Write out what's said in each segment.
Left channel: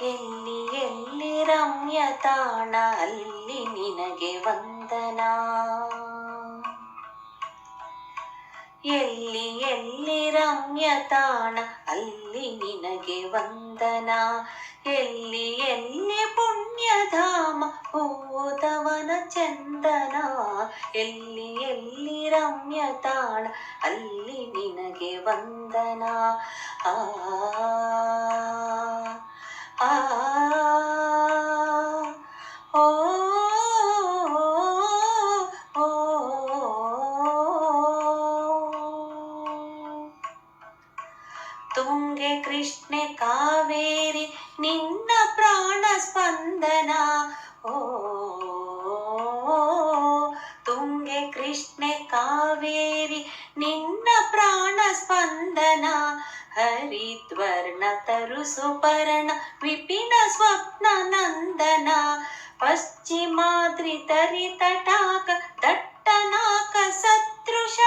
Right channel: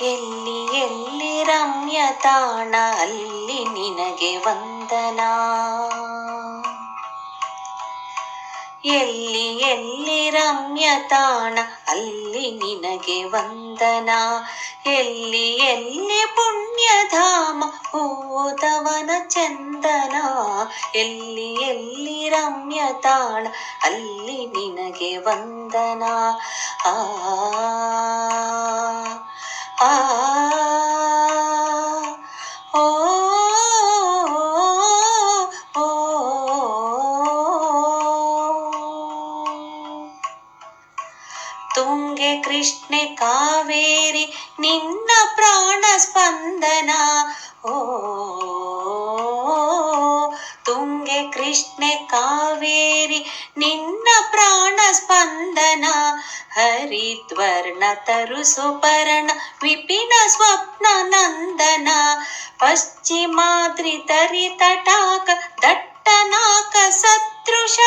ಎಲ್ಲಿ ಎಲ್ಲಿ ರಮ್ಯ ತಾಣ, ಅಲ್ಲಿ ನಿನಗೆ ವಂದನ. ಎಲ್ಲಿ ಎಲ್ಲಿ ರಮ್ಯ ತಾಣ, ಅಲ್ಲಿ ನಿನಗೆ ವಂದನ. ಎಲ್ಲಿ ಎಲ್ಲಿ ಪುಣ್ಯಧಾಮ ಓದವನ ಚಂದನ. ಎಲ್ಲಿ ಎಲ್ಲಿ ರಮ್ಯ ತಾಣ, ಅಲ್ಲಿ ನಿನಗೆ ವಂದನ. ಆ ತುಂಗೆ ಕೃಷ್ಣೆ ಕಾವೇರಿ ನಿನ್ನ ಪ್ರಾಣ ಹರಿದ್ವರ್ಣ ತರು ಸುಪರ್ಣ ವಿಪಿನ ಸ್ವಪ್ನ ನಂದನ. ಪಶ್ಚಿಮಾದ್ರಿ ತರಿ ತಟಾಕ, ದಟ್ಟನಾಕ ಸದೃಶ.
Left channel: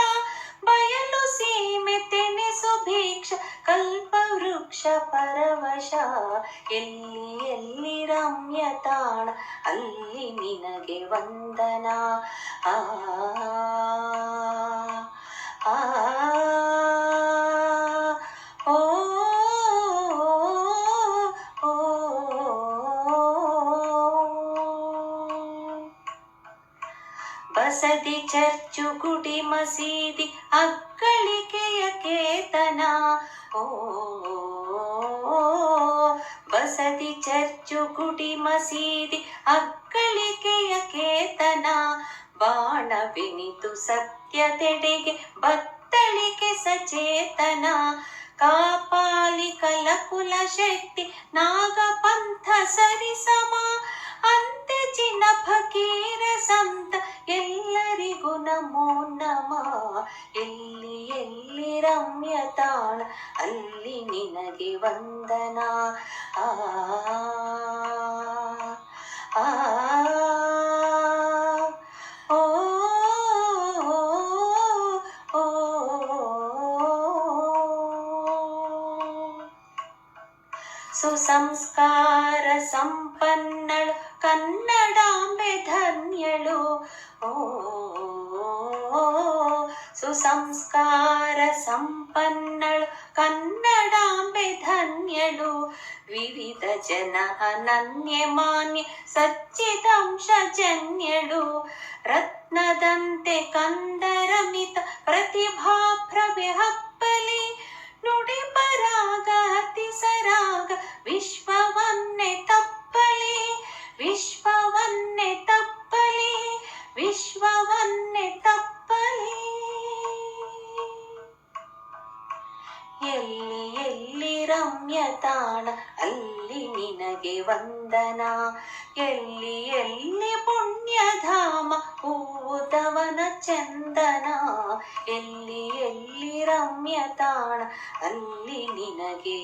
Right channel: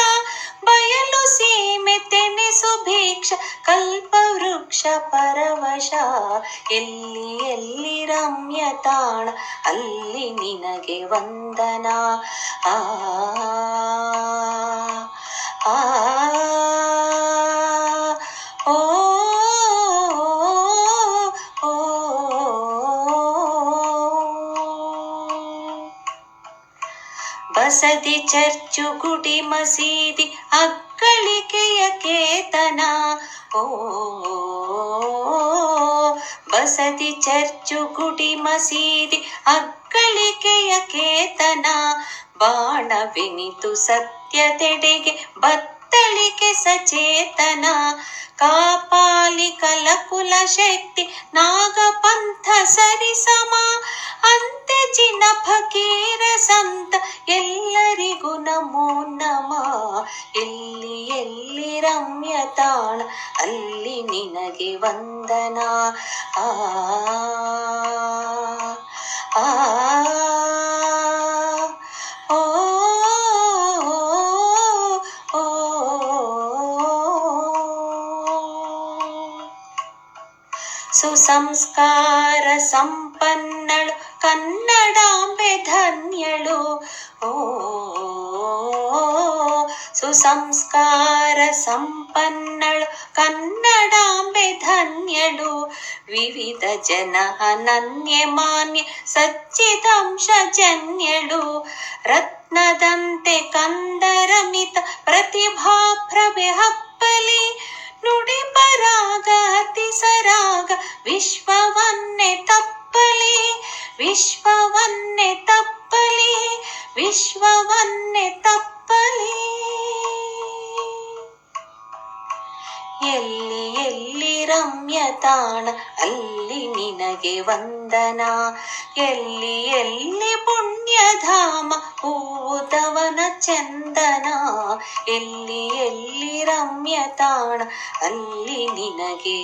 ಬಯಲು ಸೀಮೆ ತೆನೆಸು ಭಿಕ್ಷ ಕಲ್ಪವೃಕ್ಷ ಪರವಶ. ಎಲ್ಲಿ ಎಲ್ಲಿ ರಮ್ಯ ತಾಣ, ಅಲ್ಲಿ ನಿನಗೆ ವಂದನ. ಆ ಆ. ಬಸದಿ ಚರ್ಚು ಗುಡಿ ಮಸೀದಿ ಅಕ್ಕಳಿಕೆಯ ಕೇತನ. ಓ ಬಸದಿ ಚರ್ಚು ಗುಡಿ ಮಸೀದಿ ಅಕ್ಕಳಿಕೆಯ ಕೇತನ. ಬಾಣವೆನಿತು ಸತ್ಯತೆಡೆಗೆ ಬತ್ತಳಿಕೆ ಸಚೇತನ. ಕಾಪಾಲಿ ಕಲಕುಲ ಶಕ್ತಿ ನಾಗಪಂಥ ಸರಿಸಮ. ಅಂತೆ ಜಿನ ಫಕೀರ ಸಂತ ಎಲ್ಲರಿಗೂ ನಮೋ ನಮ ಎಲ್ಲಿ ಎಲ್ಲಿ ರಮ್ಯ ತಾಣ ಅಲ್ಲಿ ನಿನಗೆ ವಂದನ ಆ ಆ ಸುಸಂಸ್ಕಾರ ಸಂಪನ್ನಳು ಕನ್ನಡಾಂಬೆ ಧನ್ಯಳು ಓ ಸುಸಂಸ್ಕಾರ ಸಂಪನ್ನಳು ಕನ್ನಡಾಂಬೆ ಧನ್ಯಳು ವಿವಿಧ ಜನ ಅನನ್ಯ ಮಾನ್ಯ ಸಚ್ಚಿದಂಶ ಜನ್ಯಳು ರತ್ನದಂತೆ ವಿಶ್ವವನ್ನೇ ತಪ್ಪಲಿ ವಿಶ್ವವನ್ನೇ ತಪ್ಪಲಿ ವಿಶ್ವವನ್ನೇ ತಪ್ಪಲಿ. ಎಲ್ಲಿ ಎಲ್ಲಿ ರಮ್ಯ ತಾಣ, ಅಲ್ಲಿ ನಿನಗೆ ವಂದನ. ಎಲ್ಲಿ ಎಲ್ಲಿ ಪುಣ್ಯಧಾಮ ಹೂದವನ ಚಂದನ. ಎಲ್ಲಿ ಎಲ್ಲಿ ರಮ್ಯ ತಾಣ, ಅಲ್ಲಿ ನಿನಗೆ